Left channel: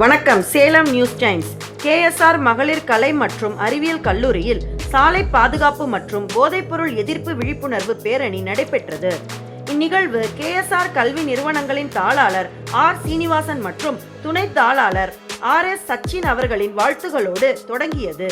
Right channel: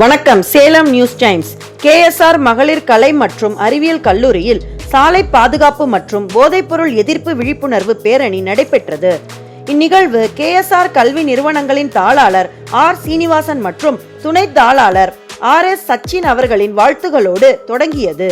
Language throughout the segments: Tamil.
வணக்கம். Salem news times. கேஎஸ்ஆர் மகளிர் கலை மற்றும் அறிவியல் கல்லூரியில் சாலை பாதுகாப்பு மற்றும் போதைப்பொருள் எதிர்ப்பு விழிப்புணர்வு பேரணி நடைபெற்றது. இந்நிகழ்வு கேஎஸ்ஆர் கல்வி நிறுவனங்களின் தாளாளர் ஆர் சீனிவாசன் மற்றும் துணை தாளாளர் ஆர் எஸ் சச்சின் அவர்களின் வாழ்த்துகளோடு தொடங்கியது.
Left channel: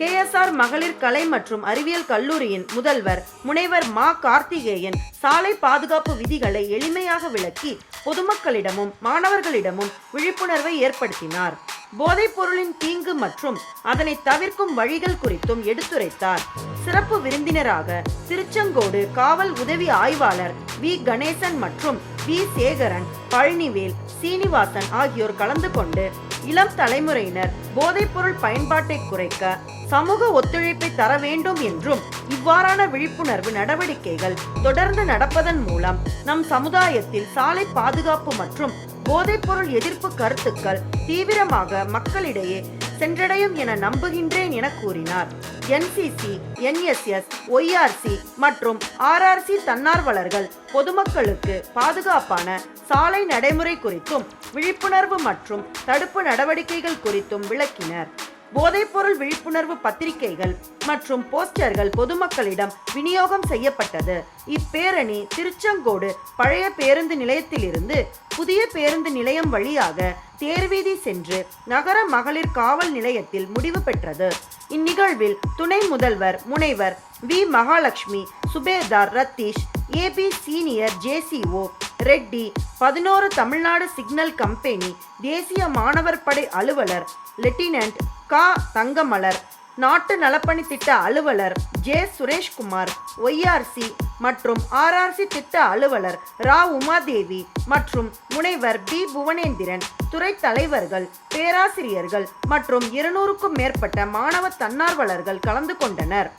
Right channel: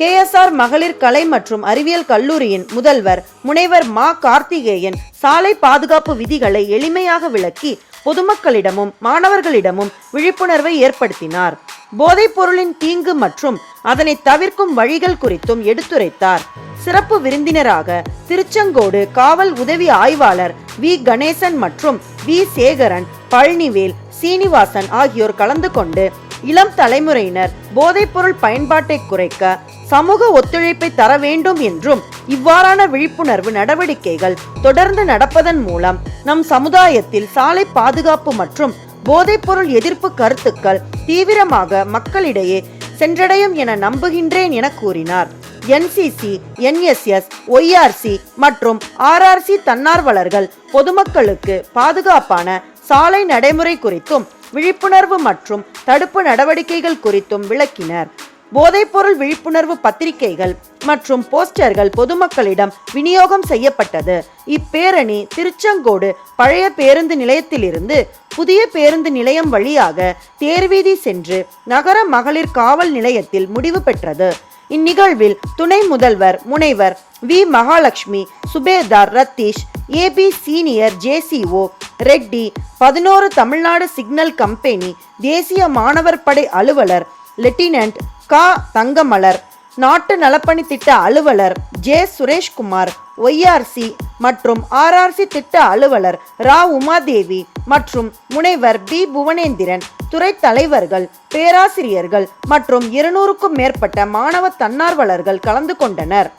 கேஎஸ்ஆர் மகளிர் கலை மற்றும் அறிவியல் கல்லூரியின் முதல்வர் முனைவர் மா கார்த்திகேயன் சாலை பாதுகாப்பு விதிகளை எளிமையாக விளக்கி பொதுமக்களிடமும் மாணவர்களிடமும் விழிப்புணர்வை ஏற்படுத்தினார். போதைப் பொருளின் தீங்கு மற்றும் அதனை தவிர்க்கும் வழிகள் குறித்தும் எடுத்துரைத்தார். சிறப்பு விருந்தினராக திருச்செங்கோடு காவல் உதவி ஆய்வாளர் வி. கணேசன் மற்றும் வி. சேகரன் பழனிவேல் சீனிவாசன் ஆகியோர் கலந்து கொண்டு இளம் தலைமுறையினர் போதைப்பொருள் பயன்பாட்டை குறைக்க சமூக ஒத்துழைப்பை தர வேண்டும் என்றும் இவ்வாறான விழிப்புணர்வு நடவடிக்கைகள் தொடர்ந்து நடப்பதன் மூலம் நம் சமுதாயத்தில் சாலை பாதுகாப்பு மற்றும் போதைப்பொருள் எதிர்ப்பு கருத்துக்கள் தீவிரமாக மக்களிடையே சென்றடையும் என நம்புகின்றேன் என கூறினார். என்சிசி என்எஸ்எஸ் ஒய்ஆர்சி மற்றும் ஆர்ஆர்சி தன்னார்வலர்கள் பொதுமக்களுக்கு பாதுகாப்பான சாலை நடைமுறை குறித்தும் விழிப்புணர்வு மற்றும் தடுப்பு நடவடிக்கைகள் குறித்தும் விளக்கினர். போதைப்பொருள் விழிப்புணர்வு பத்திரிகைகள் மற்றும் போஸ்டர்கள் பொதுமக்களிடம் விநியோகம் செய்யப்பட்டது. இப்பேரணி திருச்செங்கோடு பழைய பேருந்து நிலையத்திலிருந்து புதிய பேருந்து நிலையம் வழியாக தேர்வீதி சென்று நகர மகளிர் காவல் நிலையத்தில் முடிவு பெற்றது. இந்நிகழ்வில் துணை முதல்வர் முனைவர் we. Mahalakshmi subedar Ratheesh AB senior JCO Reddy பதினோரு தமிழ்நாடு சிக்னல் கம்பெனி தேசிய மாணவர் படை அலுவலர் லெப்டினன்ட் கா. தங்கமலர் நாட்டு நலப்பணி திட்ட அலுவலர் ஜே. சுரேஷ்குமார் ஒய்ஆர்சி மற்றும் ஆர்ஆர்சி திட்ட அலுவலர் ரா. உமாதேவி மற்றும் முனைவர் பி. புவனேந்திரன் துறை தலைவர்கள் பேராசிரியர்கள் மற்றும் இருநூறுக்கும் மேற்பட்ட மாணவ தன்னார்வலர்கள் கலந்து கொண்டனர்.